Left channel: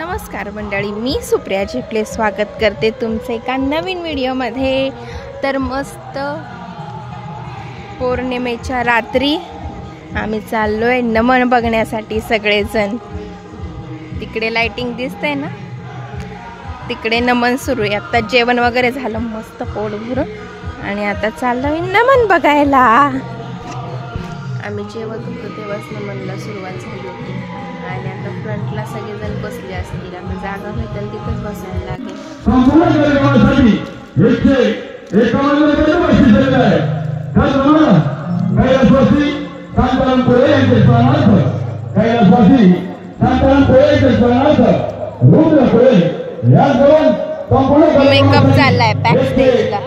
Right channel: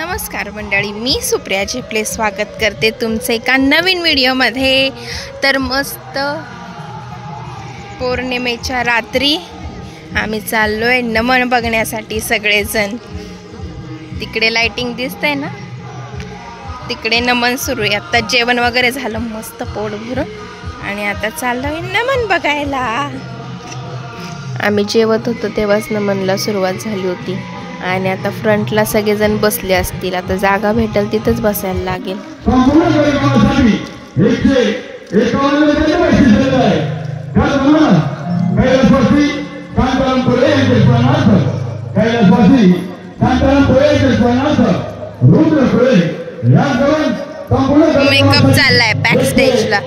नमस्कार मंडळी, मी सुप्रिया झेपले स्वागत करते तुमचे एका नवीन व्हिडिओमध्ये। तर मस्त पौर्णिमेच्या रात्री आम्ही चाललोय नमन बघण्यासाठी सगळेजण। तिकडे लाइटिंग दिसते ना, तिकडे नमन सुरू आहे। आता जेवण वगैरे झालं मस्त पोट भरून आणि आता चाललोय नमन बघायला। आम्ही जेवत होतो तेव्हाच नमनला सुरुवात झाली होती आणि आता फ्रंटला सगळेजण बसले असतील। आता जागा भेटेल तिथेच बसायला लागेल। मेकअप चाललाय बॅक स्टेजला।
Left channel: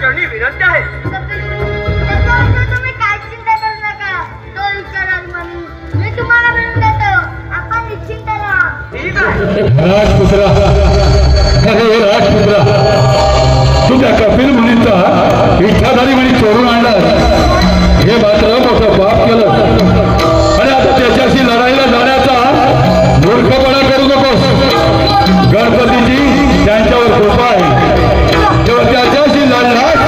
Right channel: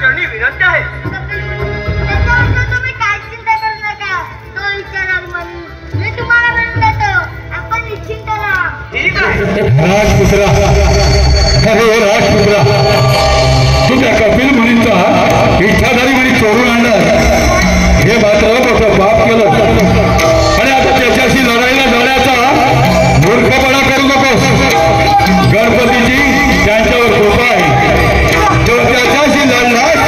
चरणी विनंती आहे. राजपुत्रा अरे राजपुत्रा तुझ्या कपिल मुनींचा इच्छाधारी मुनी चोरून आणला हे मात्र मोठं पाप केलं आणि आता त्याच्याशी लढाईला जाण्याचा मूर्खपणा करू नकोस गणपतीची त्यांच्यावर कृपा आहे जर त्याच्याशी लढलास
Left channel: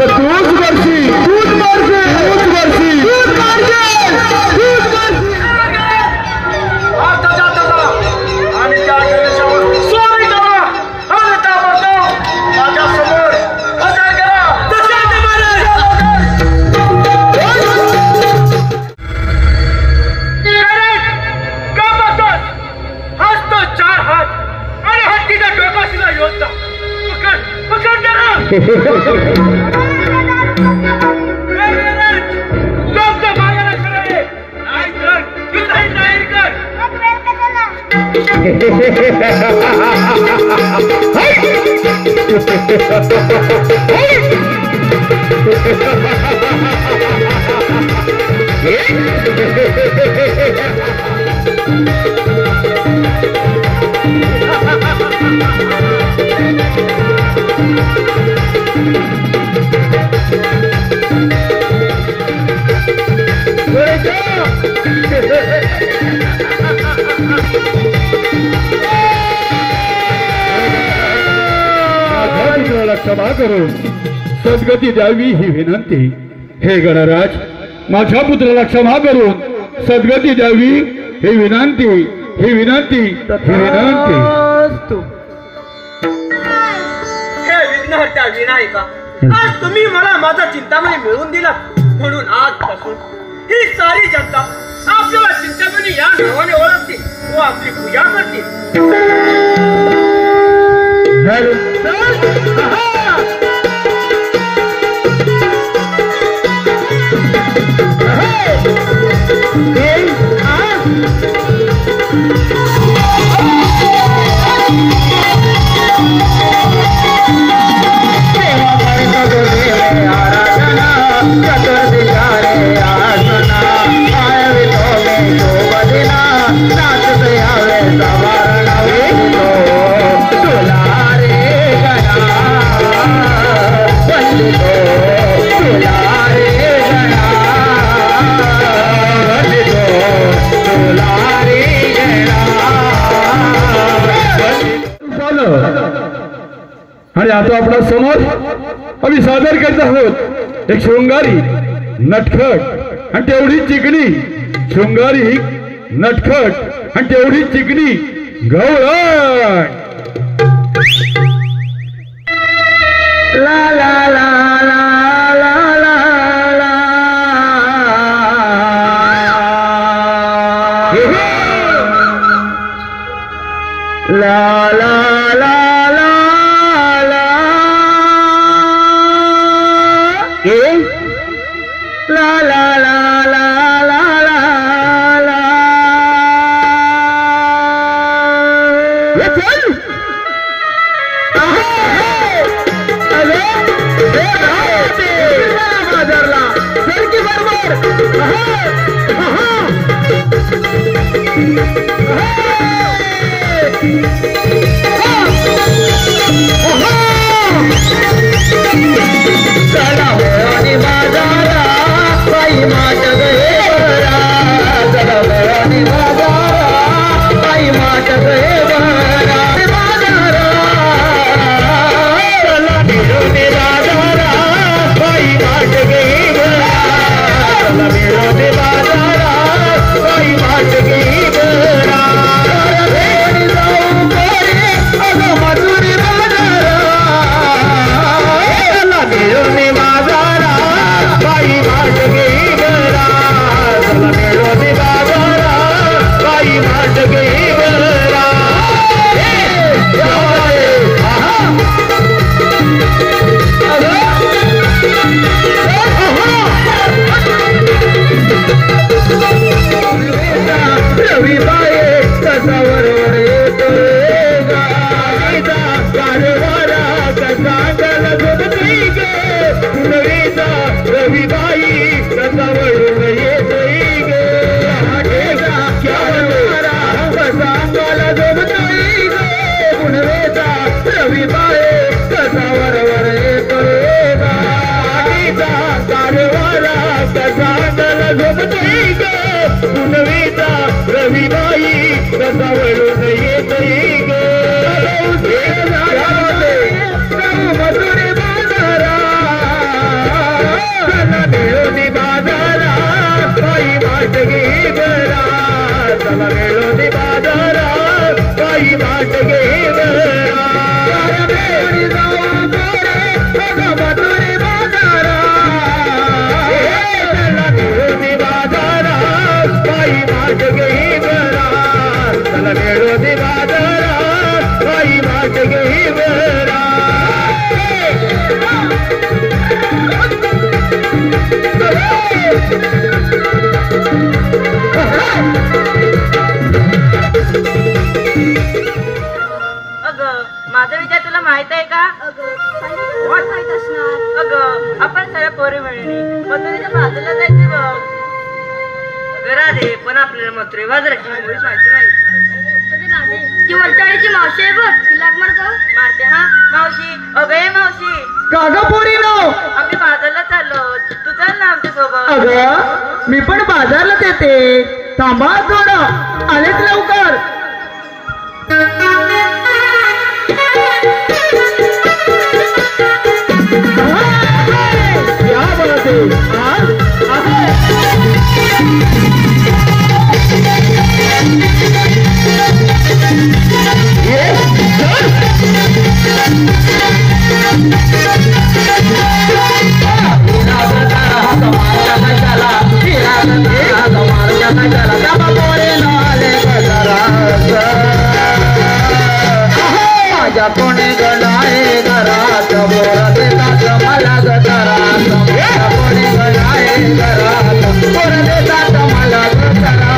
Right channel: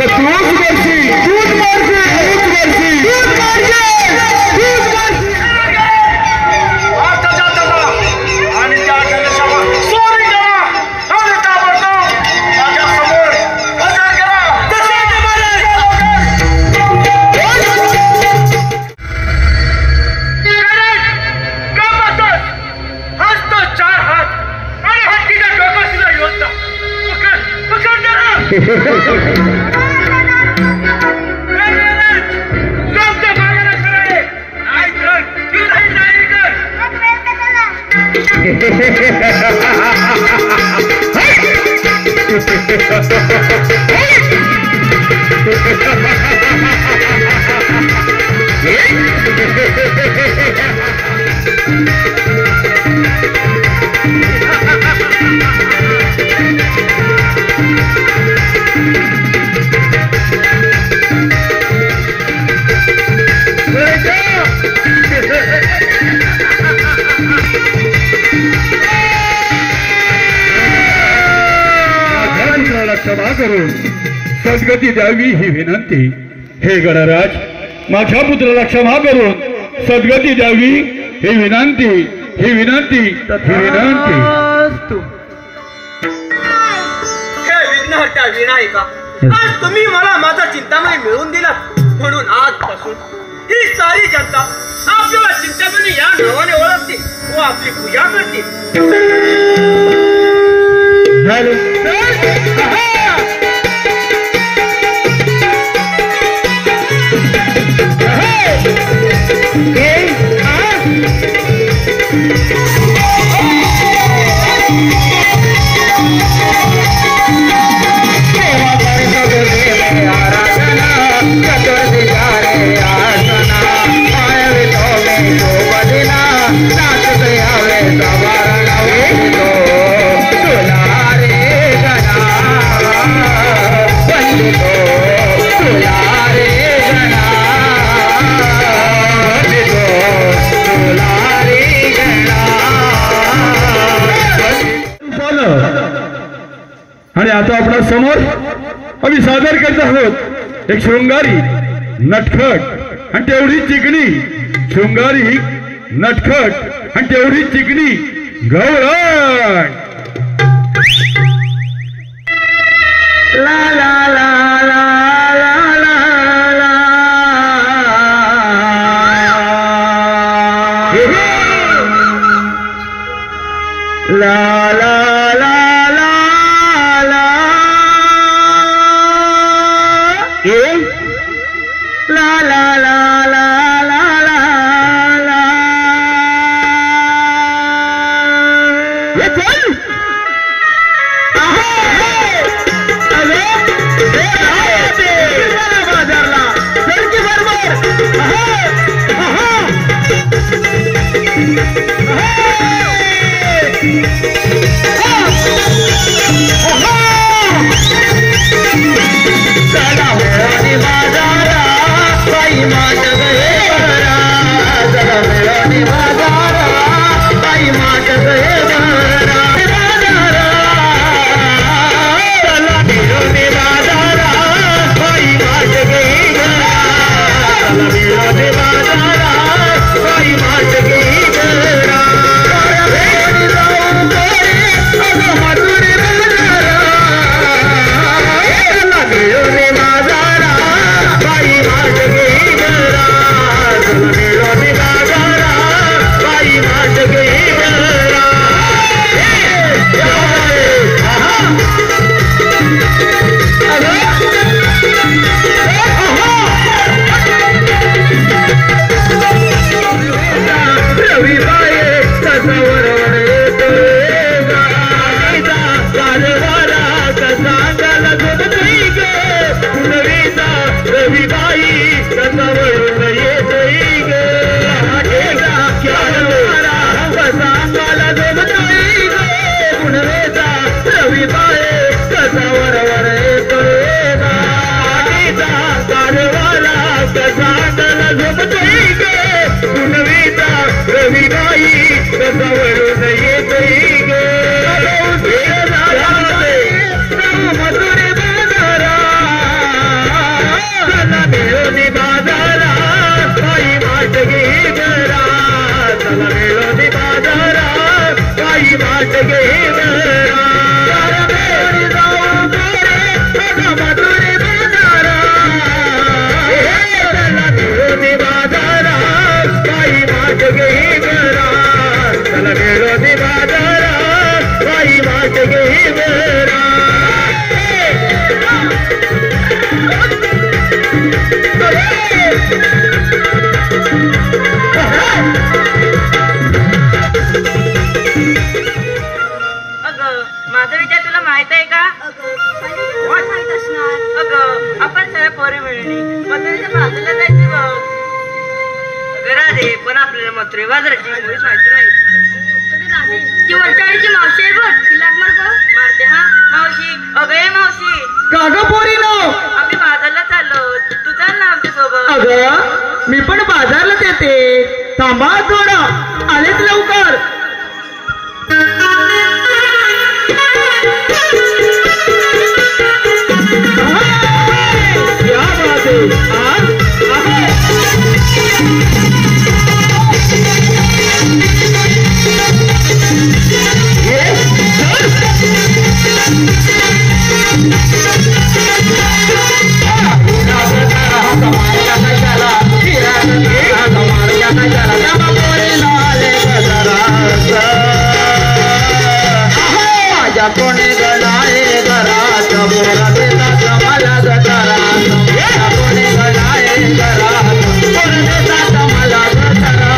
तर तूच करशील तूच करशील तूच करशील तूच करशील तूच करशील क्षमा करून सद्गती द्यावी ही विनंती हे गणराज माझ्या पुत्राला क्षमा करून सद्गती द्यावी ही विनंती ही विनंती ही विनंती हे विघ्नहर्ता विनायका आज तुम्ही मला माझा चिंतामणी मिळवून दिला म्हणून आजपासून ही सारी जनता आपल्याला चिंतामणी या नावाने ओळखते व आपली पूजा करते आणि आता आपल्या समोर आम्ही सादर करत आहोत एक शृंगारी नटखट आणि तेवढी चिकणी शृंगारी नटखट आणि तेवढी चिकणी गवळण ला ला ला ला ला ला ला ला ला ला ला ला ला ला ला ये चल बाजारला चल की झोपतोय गे पुनवेचा रविबाई कसा वळून येतोय गे मधुरे बाजारा चला मिळून बाजारा बाई वाट घे बरा चला मिळून बाजारा बाई वाट घे बरा मधुरे बाजारा चला मिळून बाजारा बाई वाट घे बरा चला मिळून बाजारा बाई वाट घे बरा माझा विचार तुला माहित आहे का? माहित असणार. अगं आपण सगळ्या पोरी मिळली मथुरेच्या बाजूला जायचं बघ. अगं राधे पण आपल्याला मथुरे बाजाराची मुळीच माहिती नाही. ती वरचाळीची मावशी आहे बघ तिला मार का मारते हा मावशी. अगं ये मावशी काग पोरीनो आम्ही बाजारला चाललो तू चल ना आमच्या सोबत. अगं मी पण बाजारलाच येते थांबा थोडं आलेच लवकर. क्या बात माझ्या कोणी गलाय घरात बोरा देतात मला गटारा कोणी गलाय घरात बोरा देतात मला गटारा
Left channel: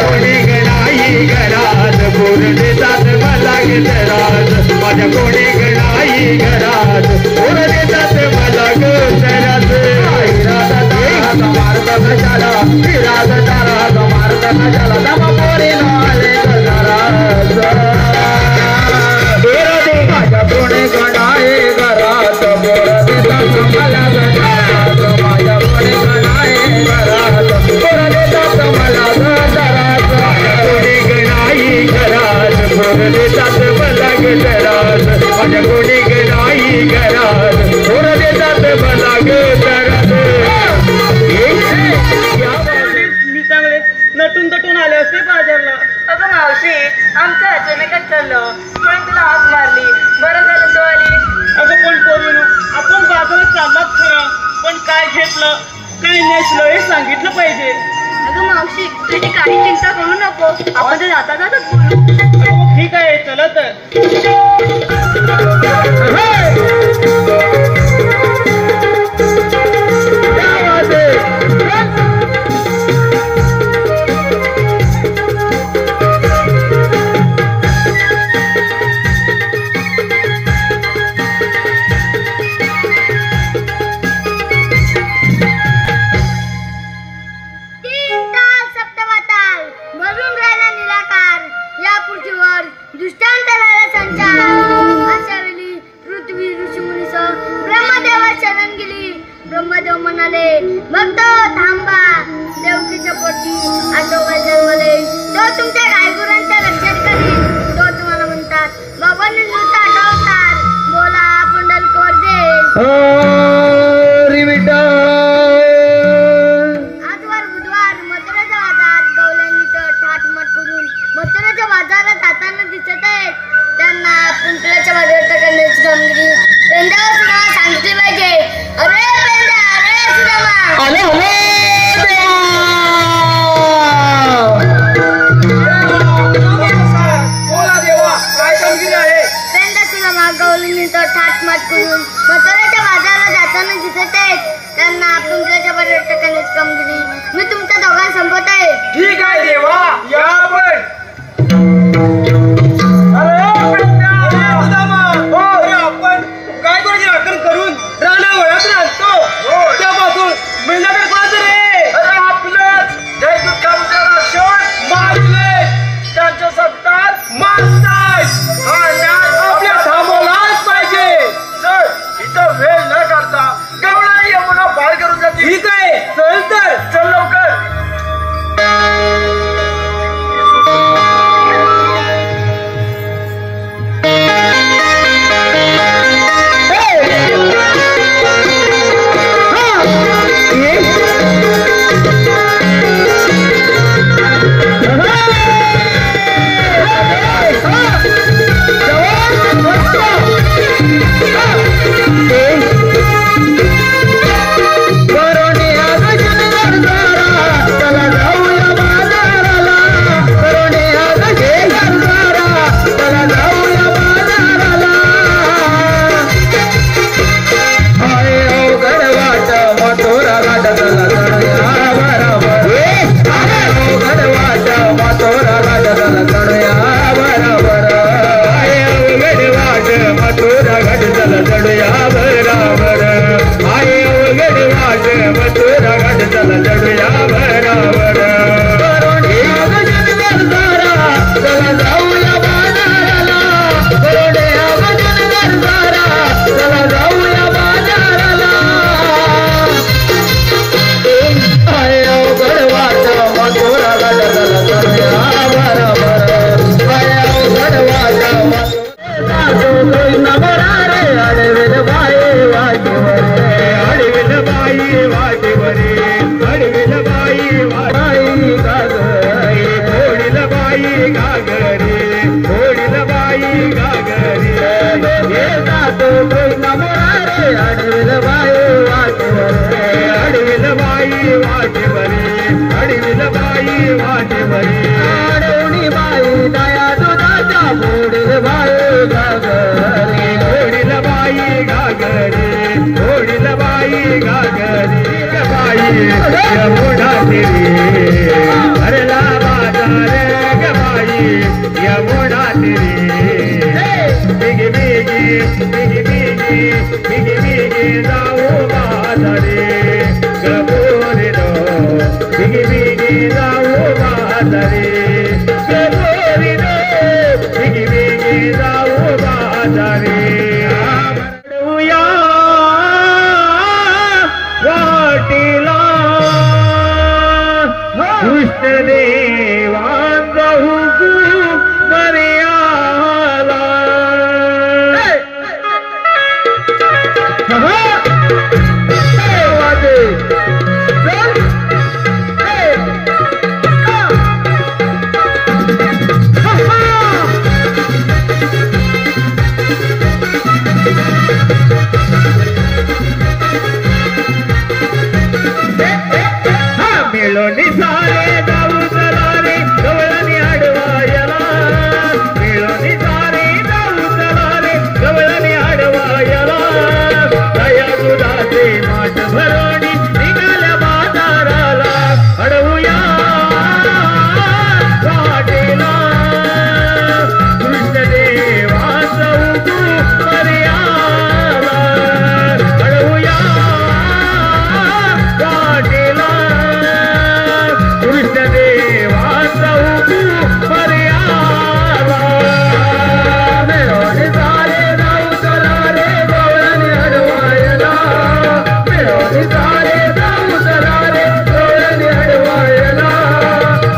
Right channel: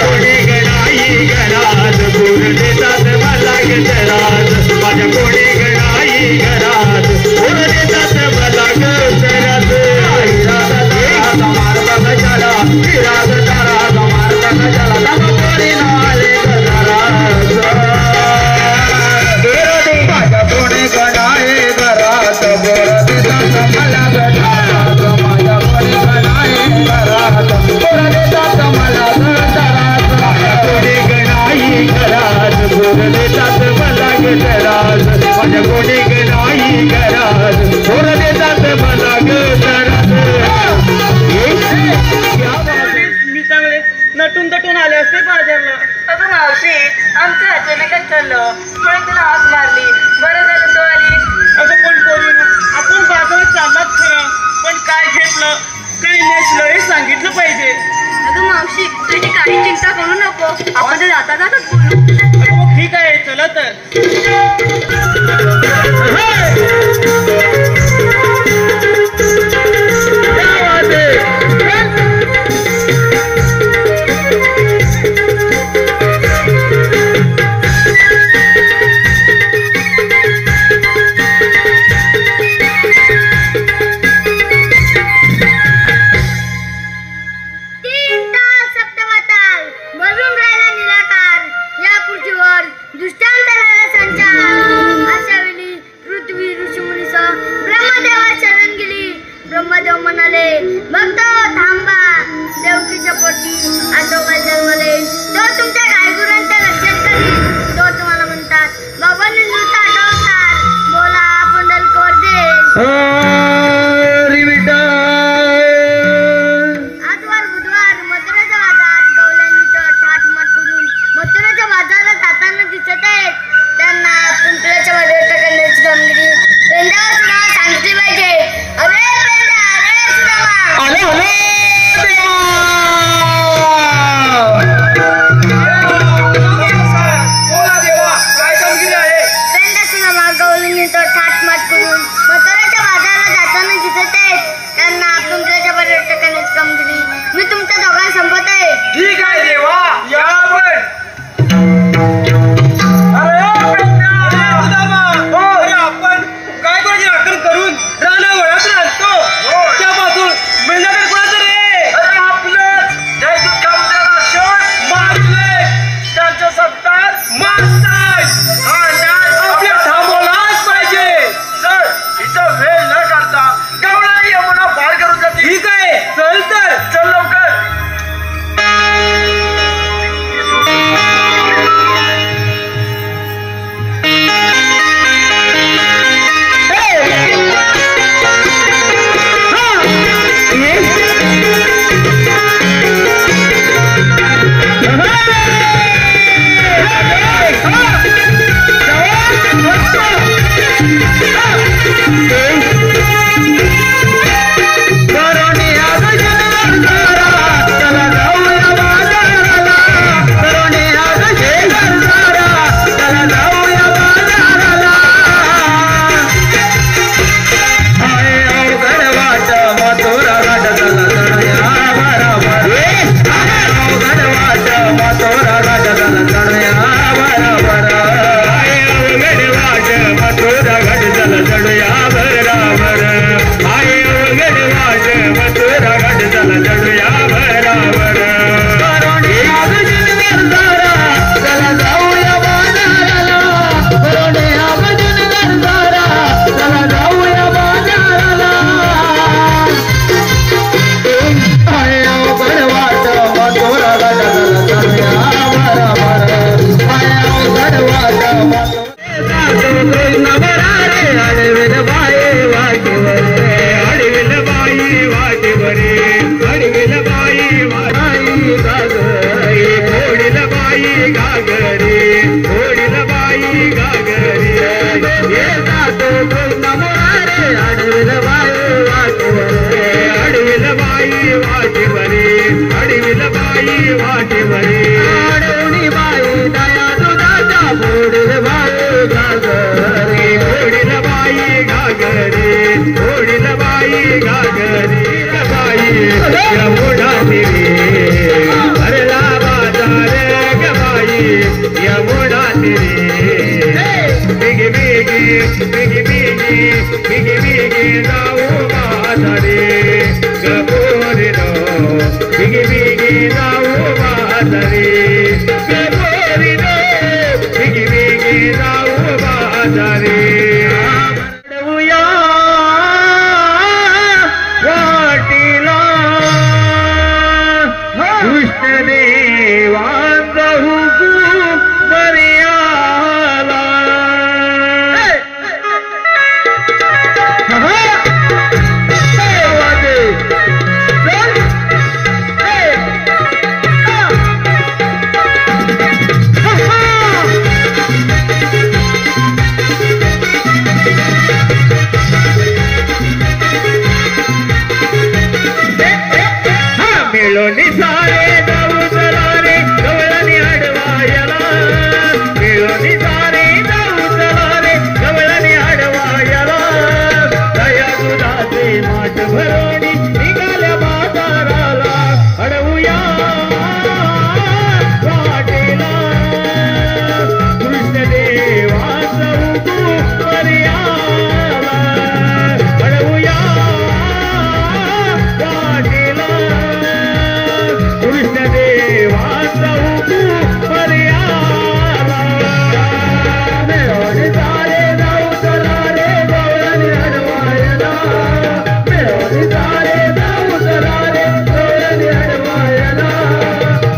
कोणी गलाई घरात बोर देतात मला गटारात माझ्या कोणी गलाई घरात बोर देतात मला गटारात मारता कशाला फिरात तारा मारता कशाला दमा पोरी नाले गटारा कोणी गणाए घरात बोर देतात मला गटारात माझ्या कोणी गणाए घरात बोर देतात मला गटारात कोणी गणाई घरात बोर देतात मला गटारात माझ्या कोणी गणाई घरात बोर देतात मला गटारात. मी चांगले नटून तटून आले असते बाजारला. अगं मावशी आमचं अचानकच चाललं पण तुला आग मारली बरं झालं तो आली. अगं पण पोरीनो आपण बाजारात चाललाच खरं पण काय घेतलं काय नेसलं हे सांगितलं पाहिजे. अगं मावशी तुझी काही चिंता करू नको आपण तर जाता जातच बोलू. ठीक आहे चला तर. ब्रह्मदेव म्हणाले भक्त थांबा देवकीच्या पोटी आजोबा जन्मले तो तुमच्या गायगुरांच्या लक्षात करील. तो तुम्हाला म्हणतात बाबांनी नुसता आठवतात बोला पुंडलकोर दे आजवार बुधवार मथुरेचा बाजार गवल्यांनी तर ठाठमाठ करून मथुरेच्या बाजारात जाताना दिसत आहेत. त्यांना पुंडल्याच्या बाजारात टाकण्याची कामगिरी पेंड्यावर सुद्धा सांगितली पाहिजे. अरे मी तुमच्या दोघांना संपत आहे. ठीक आहे देवा या पण. अरे आपण काय करायची आकलन करून राणा वळत राहतो त्यापासून मिळणार कोणाचं रे. अरे आपलं जयदूत मारले त्यांच्या सत्तार मारताय आपल्या थांबवलाच पाहिजे. सर इथं वेळ न करता गवळा यमुना पार करून जाते. ठीक आहे चल तर चल लवकर. वाटेवरी अडविल बाई वाटेवरी अडवणी बाई दया दुधाच्या फोडील बाई घागरी फोडील बाई घागरी फोडील बाई घागरी बाई यमुना तिरी हरला बाजार ग बाई यमुना तिरी बिगी बिगी बिगी बिगी बिगी बिगी जाऊ बाजारे गबोरीनो बिगी बिगी जाऊ बाजारे गबोरीनो बिगी बिगी जाऊ बाजारे अडवूया वाटीला कृष्णदेवांचा हुकूम मर्याला मिळून सारे जाऊ चला रे गवळणी अडवायला मिळून सारे जाऊ चला रे गवळणी अडवायला दया दुधाचे माठ भरवणी निघाल्या बाजाराला अडवूया वाटेला कृष्णदेवाचा हुकूम मर्याला अडवूया वाटेला कृष्णदेवाचा हुकूम मर्याला मिळून सारे जाऊ चला रे गवळणी अडवायला मिळून सारे जाऊ चला रे गवळणी अडवायला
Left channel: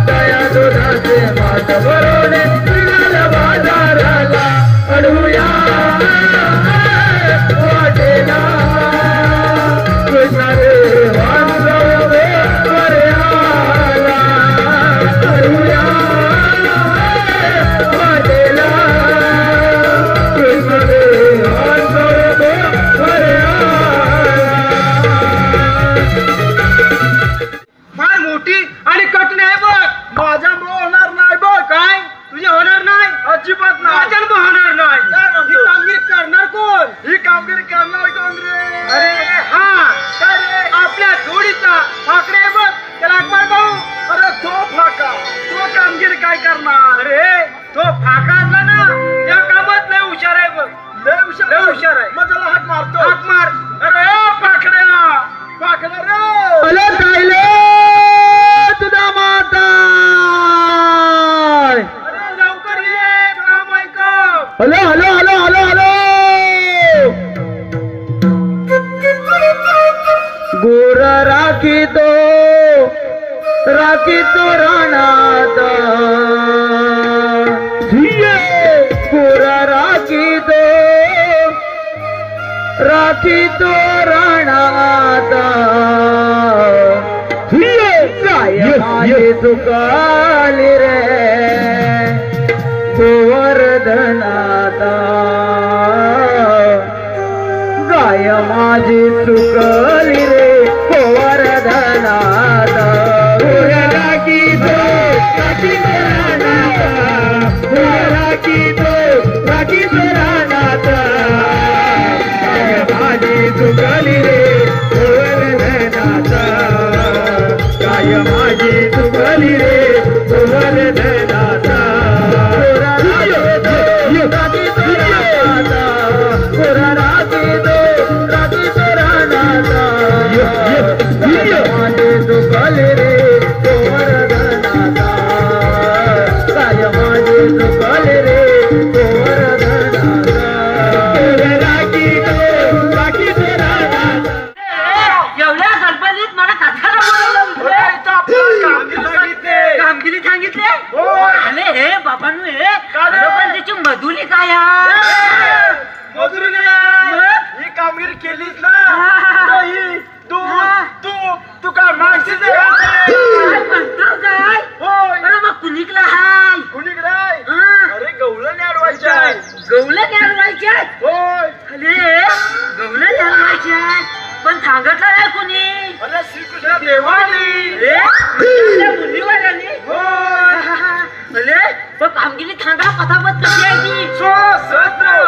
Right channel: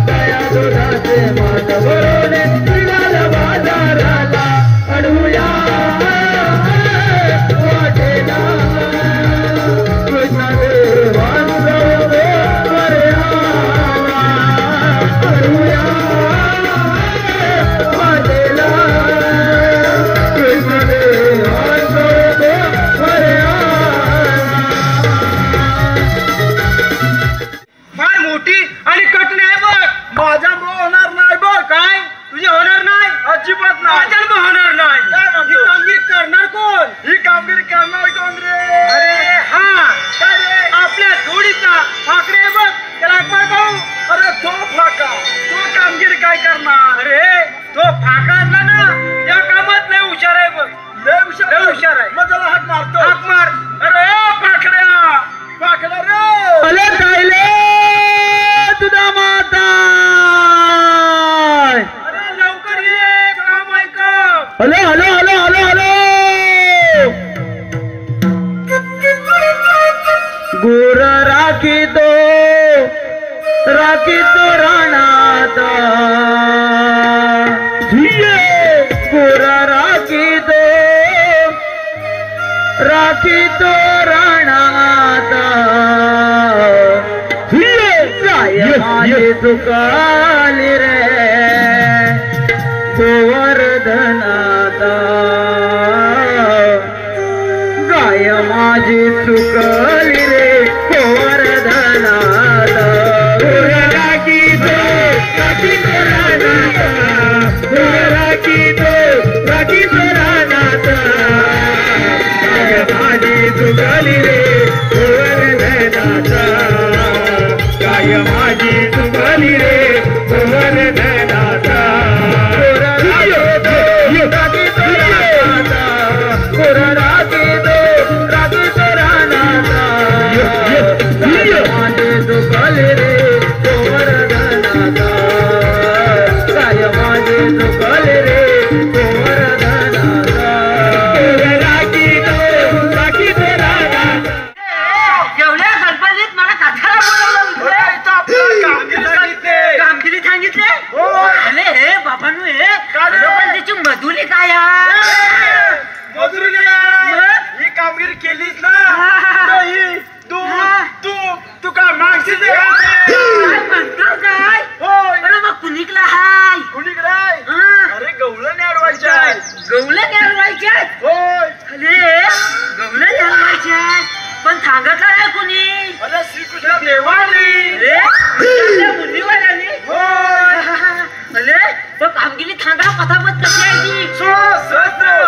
दया दुधाचे माठ भरवणे निघाल्या बाजाराला अडवूया वाटेला कृष्णदेवाचा हुकूम मर्याला अडवूया वाटेला कृष्णदेवाचा हुकूम मर्याला फार मोठी आणि कठीण आहे बघ माझ्यामुळे होणार नाही बघ काय तुझी होणार नाही अजिबात नाही माझ्यामुळे होणार नाही ही कामगिरी करणार कोण ही कामगिरी करणार कोण रे अरे हा काय रे आपल्या जोडीचा फाकडे आहे बघ त्याला काय भाऊ अरे तो फाका तो कामगिरी काय करणार अरे तो फाका असला ना या कामात लय हुशार आहे बघ लय हुशार आहे मग त्याला हात मारतो हात मार अरे फाकड्या फाकड्या रे अरे कायले तुझा माता अरे लवकर ये काम ऐक hello hello hello hello hello गुर राखी तो राणात गुर राखी तो राणात काय माझी चुकाली रे गोवर्धनाता गाय माझी चुकली रे गोवर्धनात राखी तो राणात माझी चुकली रे गोवर्धनाता गाय माझी चुकली रे गोवर्धनाता एवढ्या गणपतीत मला कथाला बोलवलं कामगिरी सांगितले अरे हे बाबांनो हे पण त्याची मजुरी काय मजुरी ही कामगिरी केलीच ना तू तू तू काय मागशील काय अरे मग कुणीकडला हाय कुणीकडे अरे गवळण अडवायच्या गवळण अडवायच्या होय अरे गवळण अडवायच्या पण सांगितलं नाही कुणी. अरे श्रीकृष्ण देवानी मुलीवाल्यानी अरे पण कामगिरी सांगा पथापथ कशी आहे ती.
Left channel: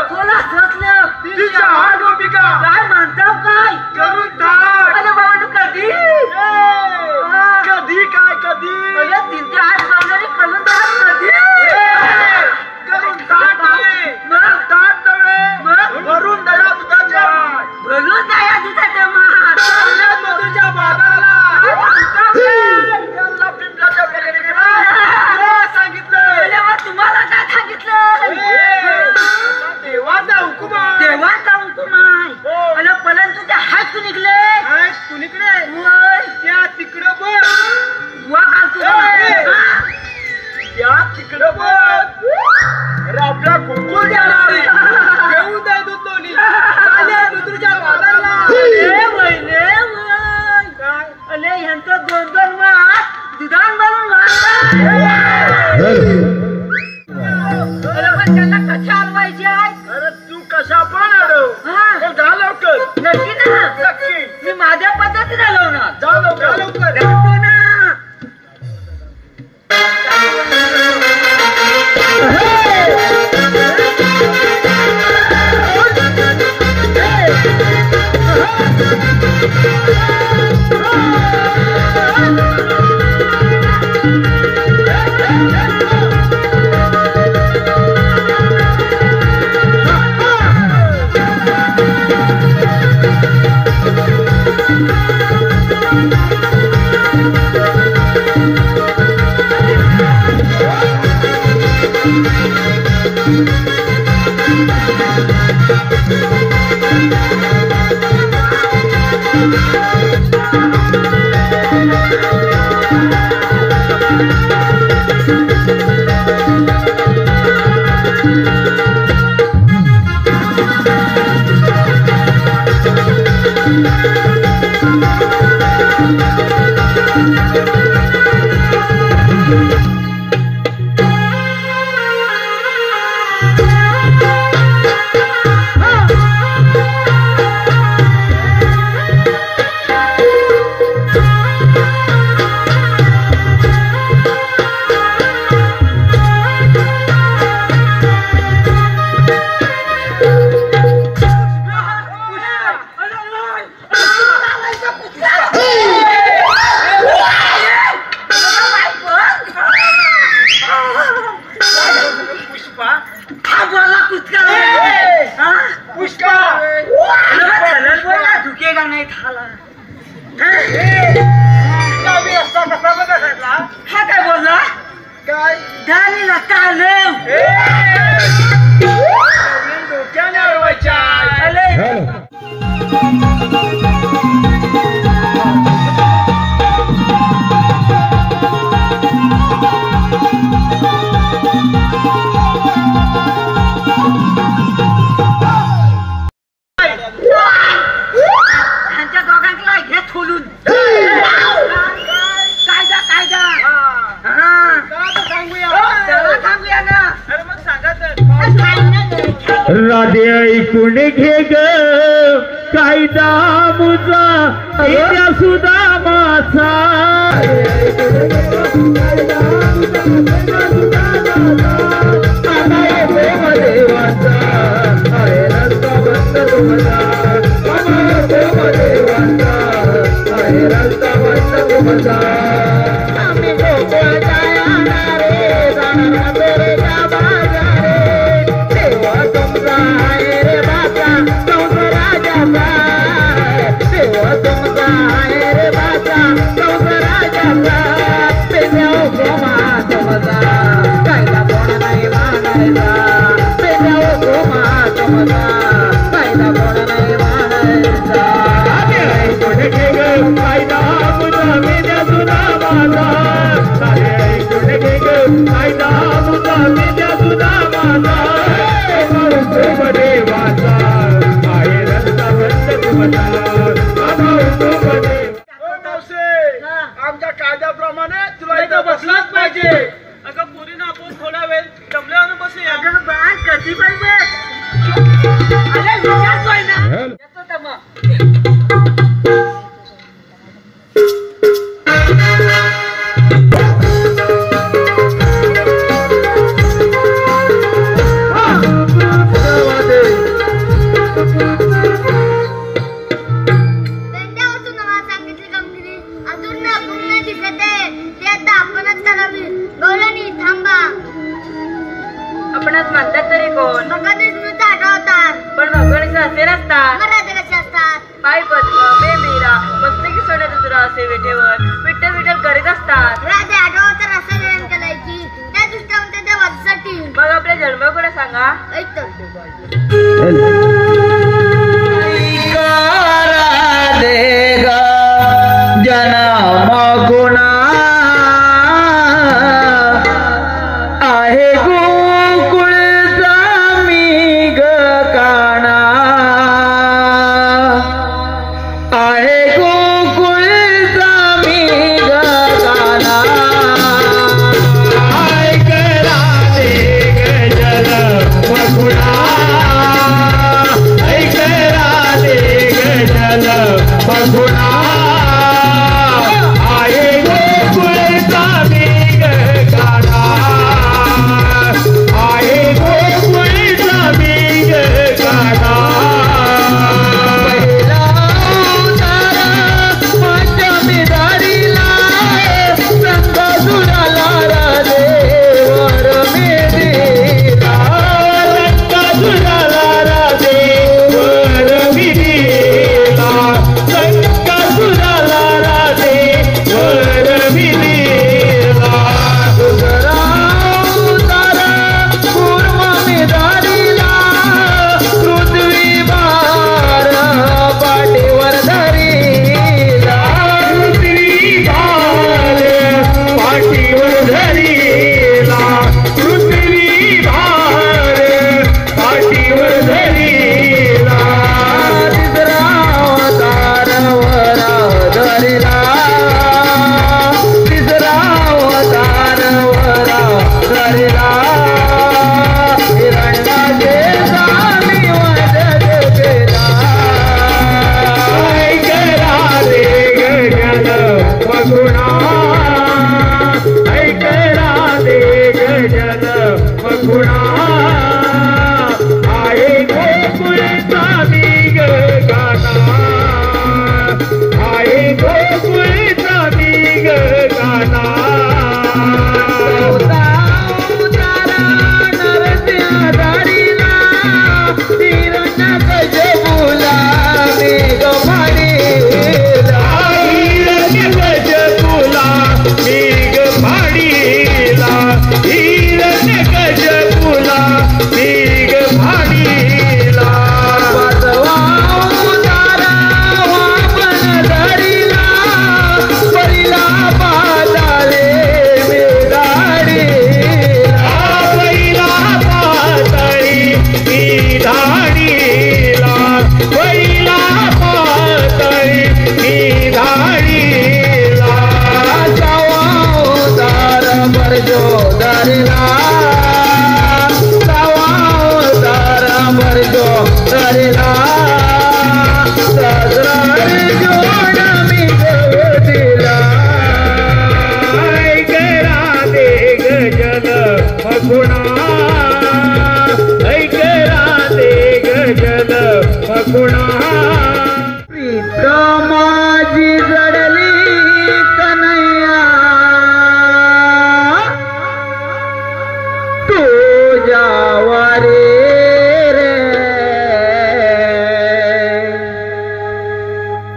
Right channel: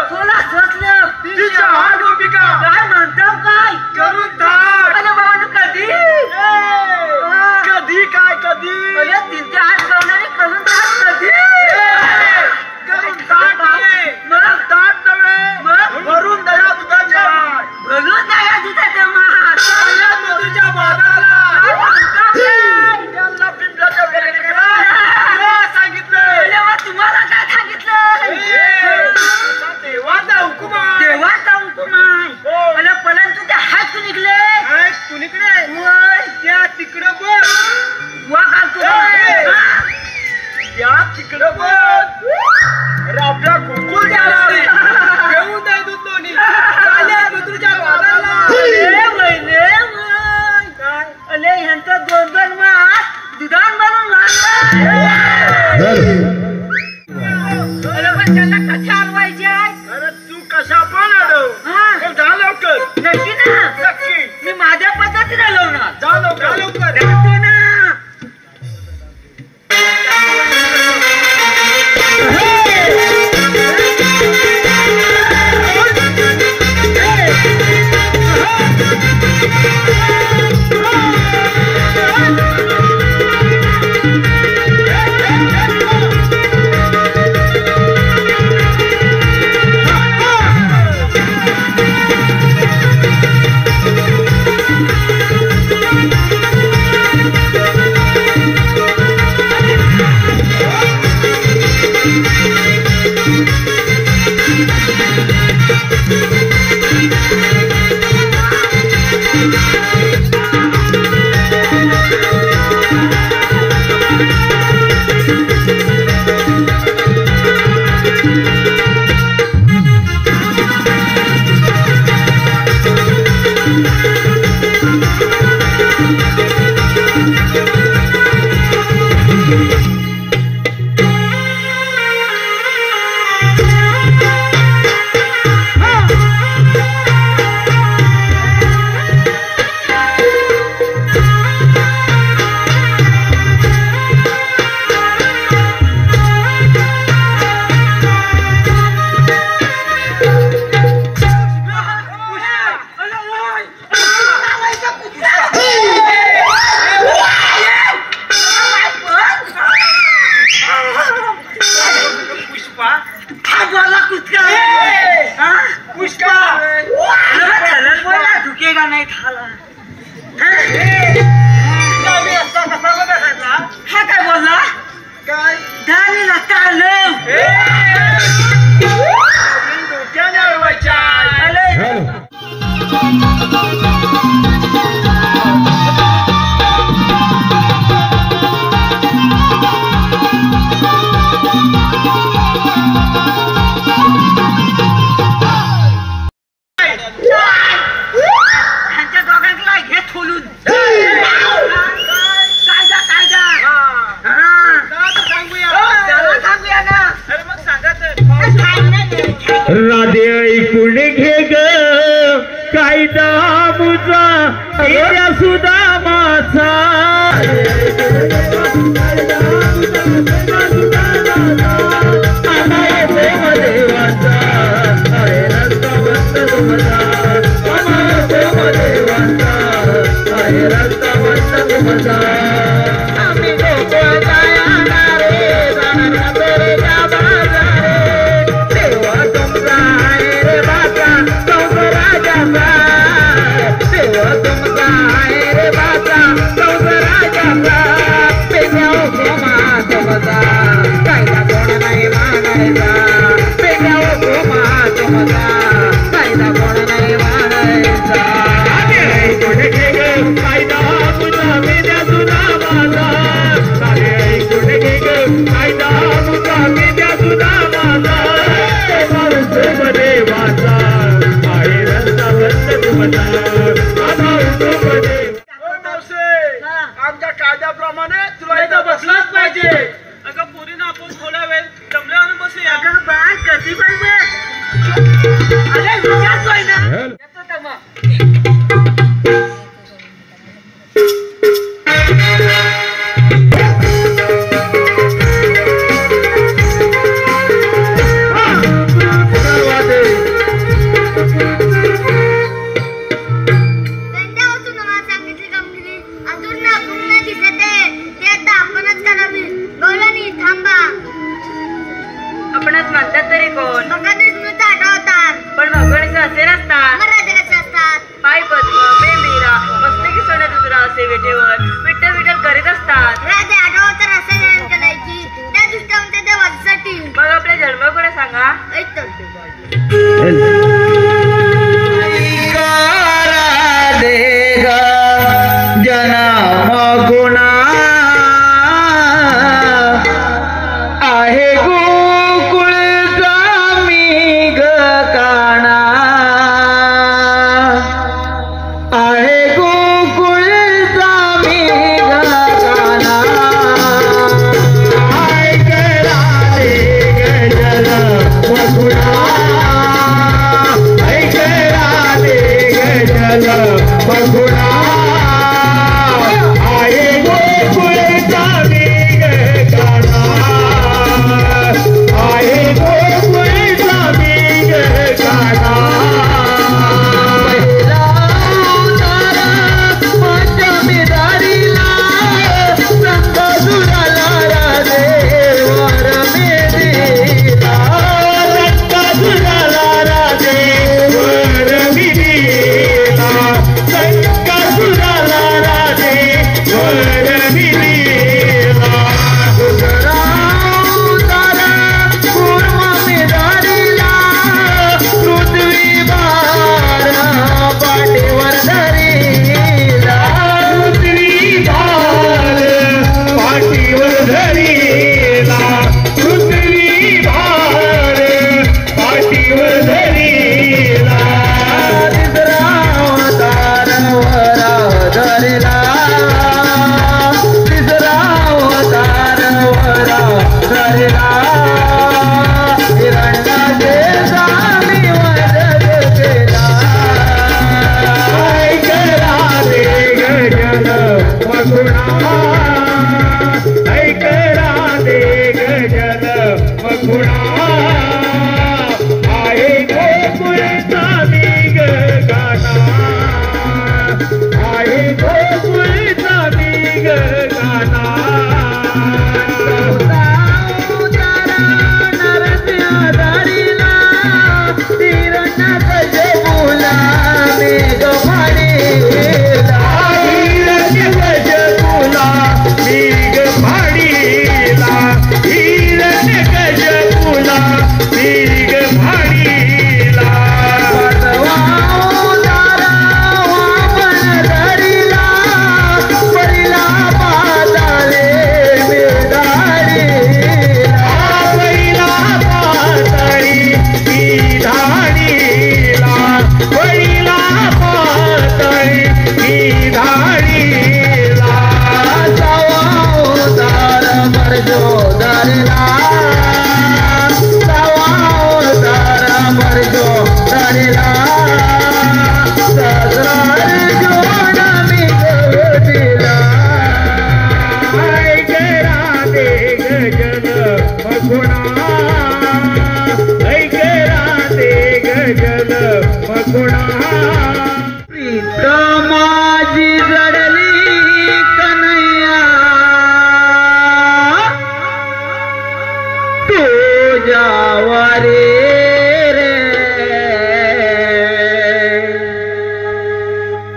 कोणा ससलं तिच्या हा गोपिका काय म्हणतो काय करून टाक. अरे बाबा कधी कधी काय कधी अरे तिथे आज लावणारी करून टाक कधी करून टाक नव्हे. मग टाक नव्हे. भरून दया दुधाच्या भरून द्या दुधाच्या मात सगळ्यात मधुच्या बागाला त्यांना पिंपळाच्या वेळेला सांगितलं. तुम्हाला काय सांगितलं देवाचा हुकुम आहे. देवाचा हुकुम आहे. हो. अरे परंतु ते हात निघले आहेत कुणीकडे त्या तिकडं बघ. वा का तू त्या तिकडं बघ. अरे आपल्या गोकुळ द्याला घेऊन जाय दूध दोन्ही चालेल मधुच्या बागाला. अरे ह्यांचं 2-2 मास दुधान मारून अरे पण त्यांना कशा आणवायचे आहे. अरे तू कशा पण अडव. हा जा लवकर. नक्की ना नक्की मी माझ्या पद्धतीने लावणार. जा लवकर लवकर. जातो ना. झुकेगा नाही थाला. हा काय बोलला काय झालेला कालम. डोक्याने अडवायच्या. ह्यांच्या दोघांना घे खोलून. कायदा कायदा सांगूया. त्याला सांगूया ना. अरे मग सांगा तर. राधे ऐकून घे ग कायदा मुजा एका सुदामाचा. देवाचा अरे रस्ता बंद तुमचा. देवाचा अरे रस्ता बंद तुमचा. आम्ही गोकुळ जायला रे जाणार बेरेच्या बाजारे. देवा तुमचा आहे रे बाचा कंस राजाचा. देवा तुमचा आहे रे बाचा कंस राजाचा. पेन्या हुकुमा तुमचा कायदा कोण नाही मानायचा. पेन्या हुकुमा तुमचा कायदा कोण नाही मानायचा. ऐकून घे ग कायदा तुझा मेल्या तुझा माझा. सारे ऐकून घे ग कायदा तुझा मेल्या तुझा माझा. देवाचा आहे रस्ता बंद तुमचा. आमच्या कायद्याप्रमाणे तुला इथं बसलाच पाहिजे. अगं पुरीनं आपण थोडा वेळ जमल्यावर बसूया. अगं बाळ कधी पाहिजे. अरे विचारतोय ना. येतो तर मग. मकुणा ऐके राधे गजल मकुणा प्रीत माझी जडली कन्हैया तुझ्यावरे रे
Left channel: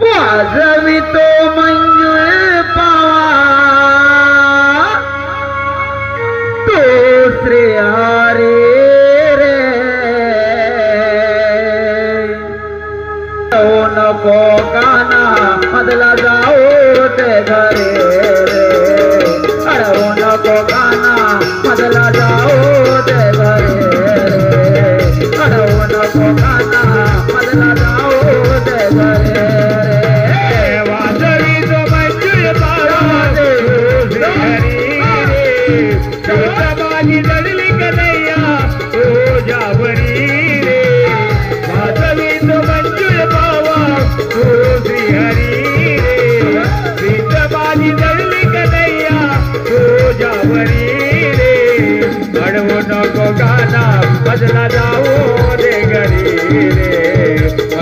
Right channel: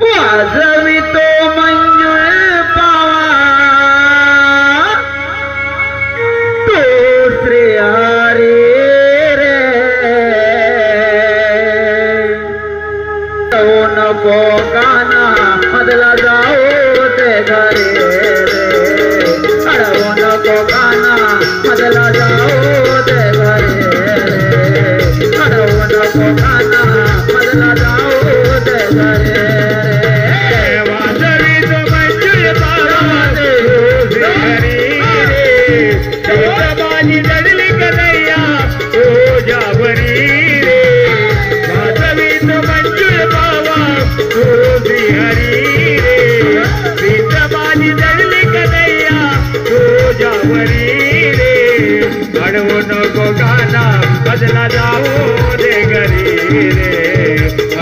वाजवितो मंजुळ पावा तो श्री हरी रे नको काना मधला जाओ ते घरे रे अडवू नको काना मधला जाओ ते घरे रे अडवू नको काना मधला जाओ ते घरे रे वाजवी तो मंजुळ पावा दे हरी रे माझी जडली कन्हैया तुझ्यावरी रे वाजवी तो मंजुळ पावा तुझी हरी रे प्रीत माझी जडली कन्हैया तुझ्यावरी रे अडवू नको गाना बदला जाओ दे घरी रे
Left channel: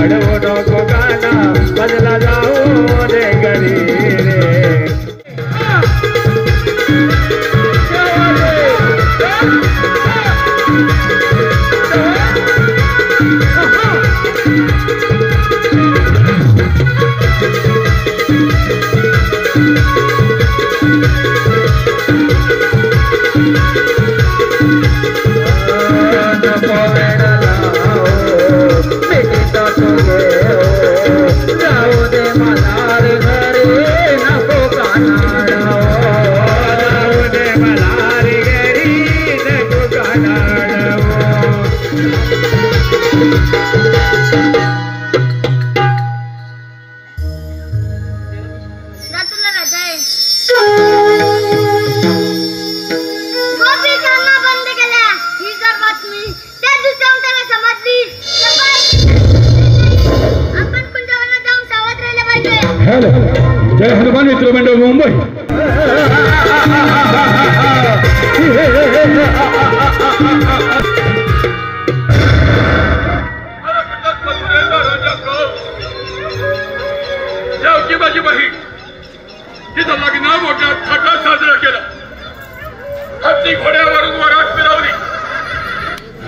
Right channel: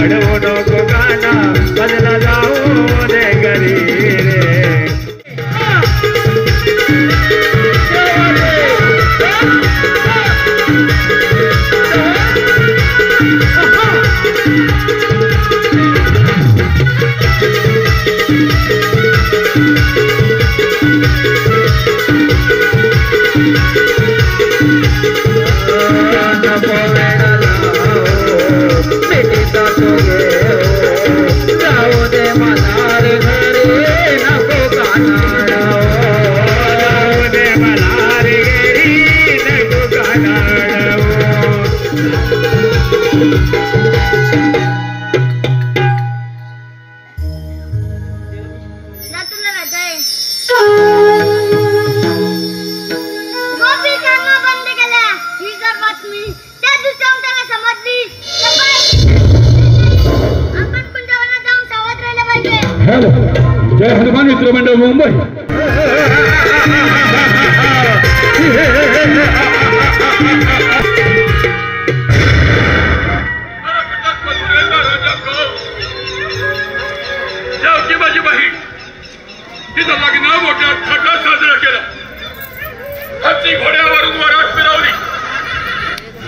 अडवू नको गाना बदला जाओ दे घरी रे तुला रजाय गोपी कामा बंद केल्या ही जर बातमी त्या दिवसाहून त्याला समजली तर आपण कुंजवनात जाऊन सावध राहिले पाहिजे. हॅलो जय हनुमान मित्र मंडळ मुंबई जाऊची माझी बहीण तिचं लग्न मोठ्या थाटात साजरा केला. हत्ती घोड्यावरून वरात फिरवली.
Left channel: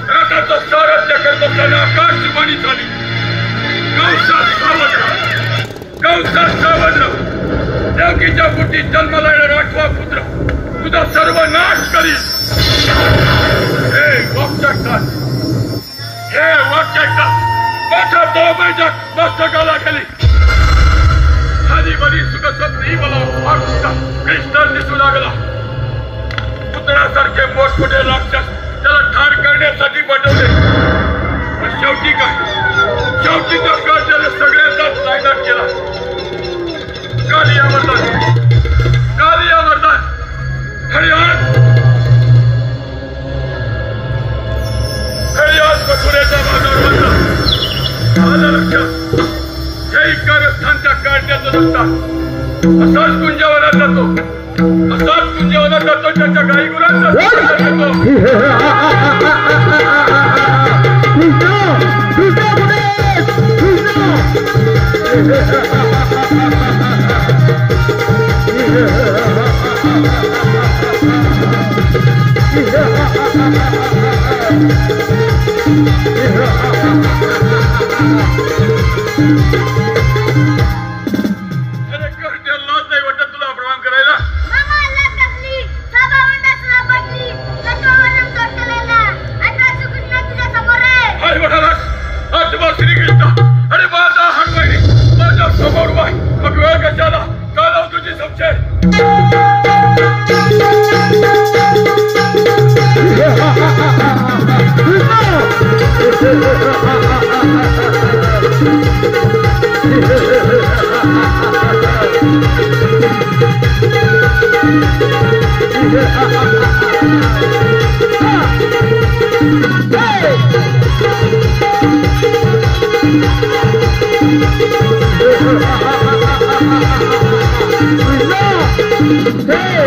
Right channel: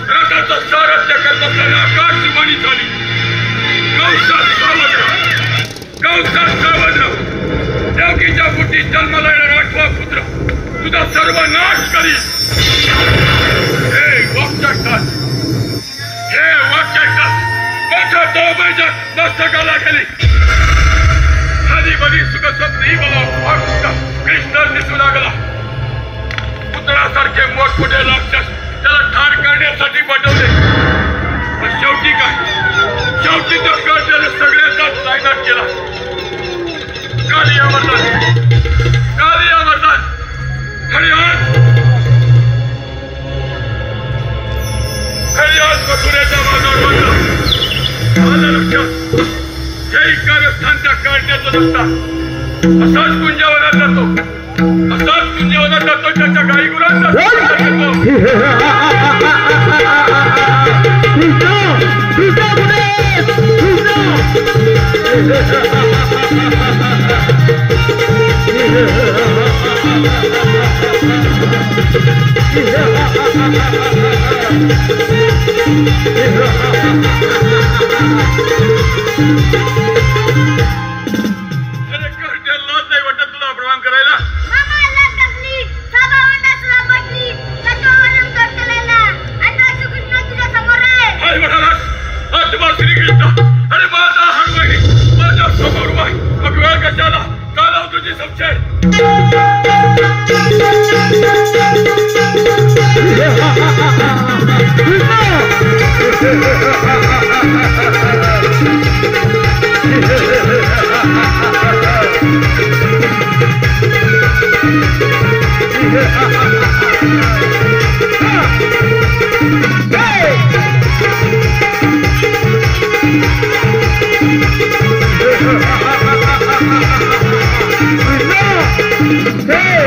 रथाचं सारथ्य करत असताना आकाशवाणी झाली. कंसात सावध राहा, कंसात सावध राहा. देवकीच्या पोटी जन्माला येणारा 8वा पुत्र तुझा सर्वनाश करील. हे वाक्यकात मोठा दोबैजात मस्तकाला गेली. खाली बरी सुखस्वप्नी मला भक्त कृष्ण दिसू लागला. पुतळ्यासारखे मोठमोठे राक्षस त्याला ठार करण्यासाठी पाठवले. पण शेवटी काय शेवटी तर त्याने सगळ्यांचाच नायनाट केला. काली अमरनाथ हरियाण मथुरेचा बाजार बनला. माझ्या लक्षात जय कारस्थानच्या काढण्याचं नसतात. असाच कुंजावनात जातो त्याच्या गाई गुरांचा तुला प्रणाम करायला. श्रीकृष्ण अरे माझा हनुमानी माझ्या समोर वाय मग वेळ कशाला चालव तुझी संशय. Hey!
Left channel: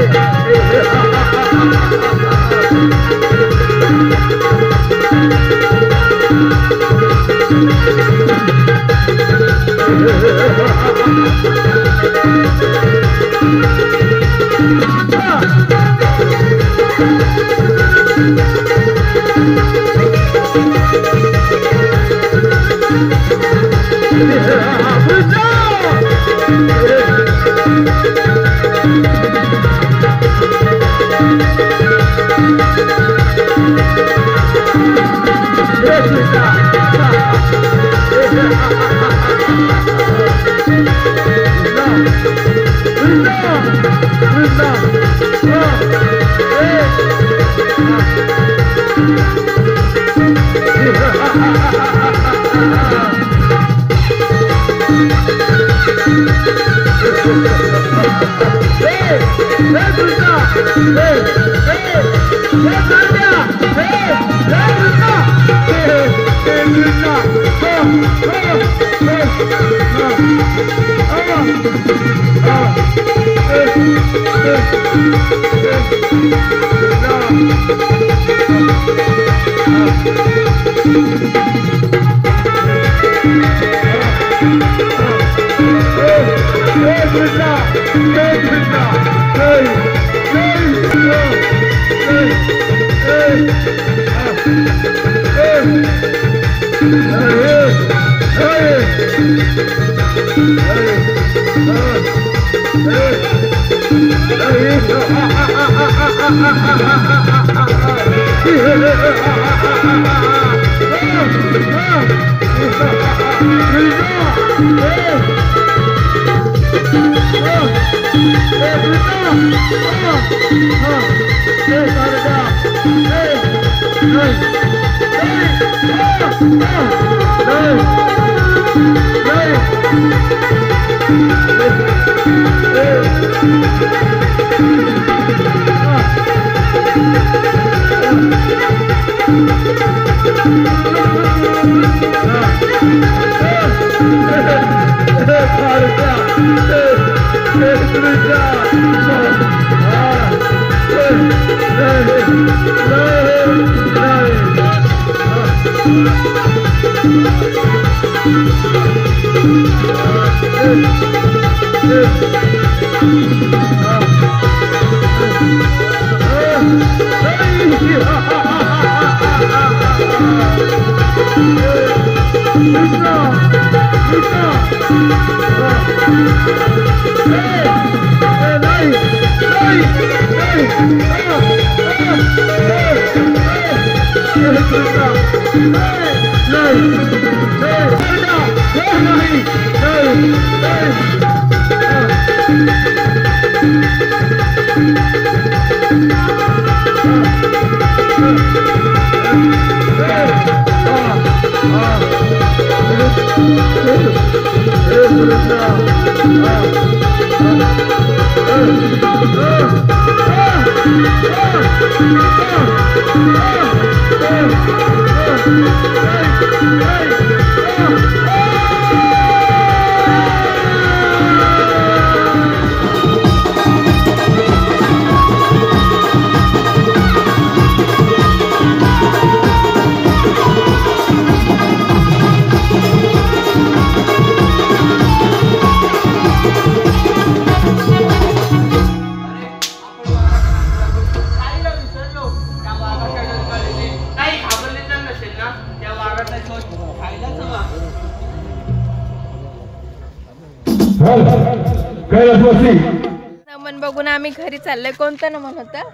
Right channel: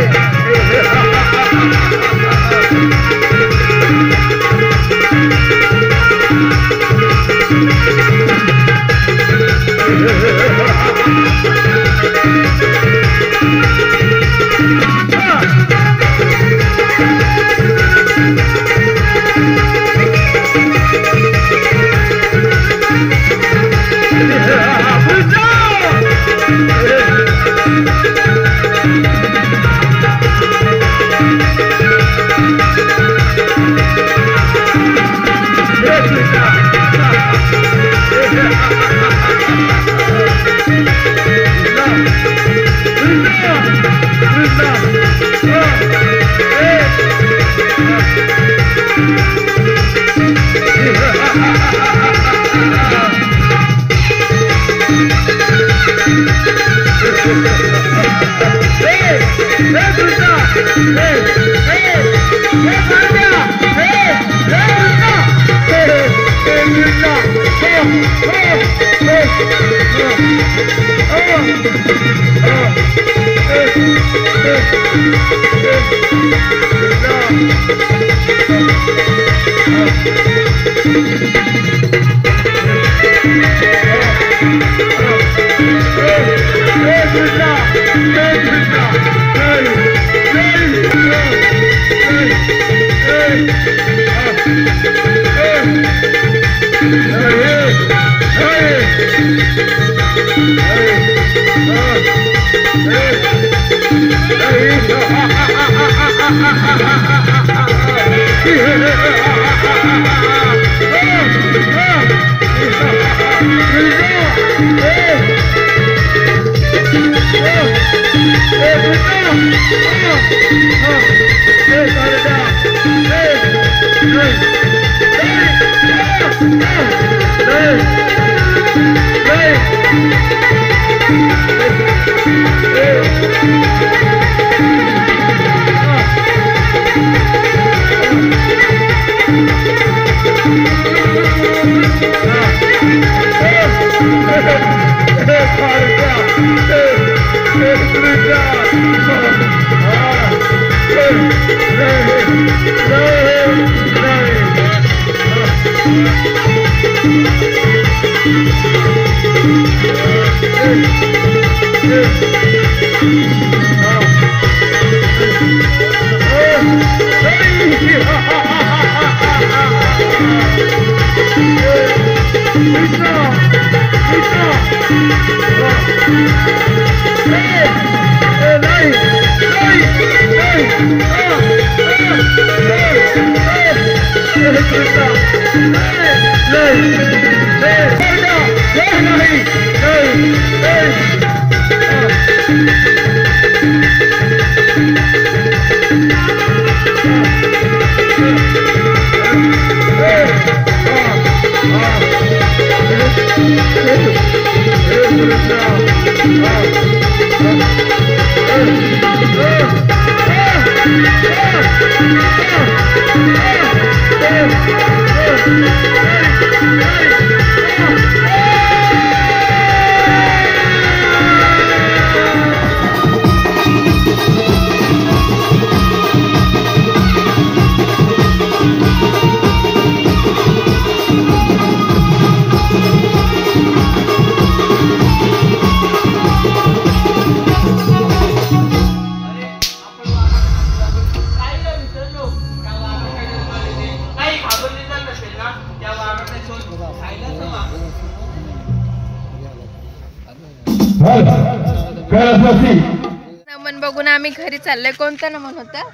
नमन बघून आम्ही घरी चाललोय. कोणतं नमन होतं?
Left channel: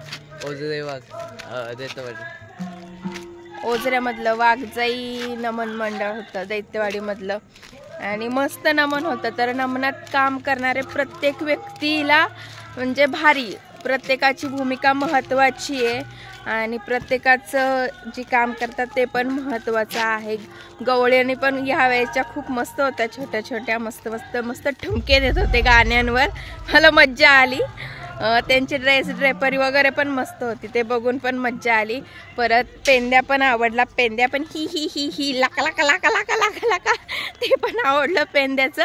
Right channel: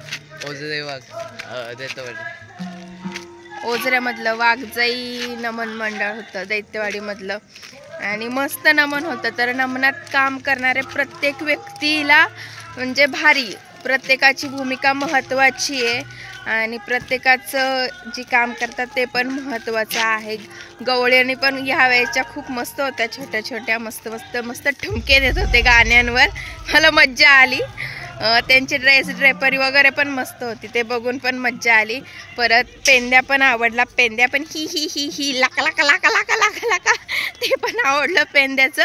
ओझऱ्यामधलं वाघजाई नमन मंडळ होतं, दैत्यवाडी मधलं. आणि मस्त नमन होतं. तर नमनात काम करणारे प्रत्येक व्यक्तीला म्हणजे भारी, प्रत्येकाची भूमिका महत्त्वाची आहे आणि प्रत्येकाचं जे काम करतात ते पण महत्त्वाचं आहे. गवळ्याने पण ह्या वेळेच्या खूप मस्त होत्या, छोट्या छोट्या मस्त मस्त मस्त ठुमके देत होते गाण्यांवर. मला मज्जा आली. त्यांची ड्रेपरी वगैरे पण मस्त होती, ते बघून पण मज्जा आली. परत पेंद्या पण आवडला. पेंद्या पण ही ही ही ही लाका लाका लाका लाका लाका लाका ते पण आवडलं पेंद्याचं.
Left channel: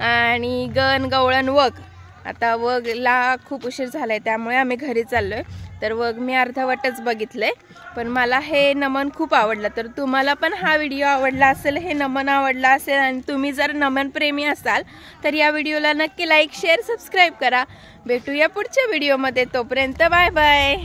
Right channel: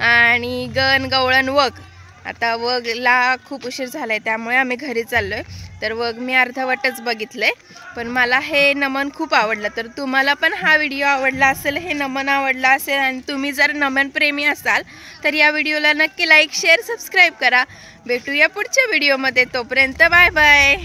आणि गण गवळण वग, आता वगला खूप उशीर झालाय त्यामुळे आम्ही घरी चाललोय. तर वग मी अर्धवटच बघितलंय, पण मला हे नमन खूप आवडलं. तर तुम्हाला पण हा व्हिडिओ आवडला असेल, हे नमन आवडला असेल आणि तुम्ही जर नमन प्रेमी असाल तर या व्हिडिओला नक्की लाईक शेअर सबस्क्राईब करा. भेटूया पुढच्या व्हिडिओमध्ये. तोपर्यंत बाय बाय.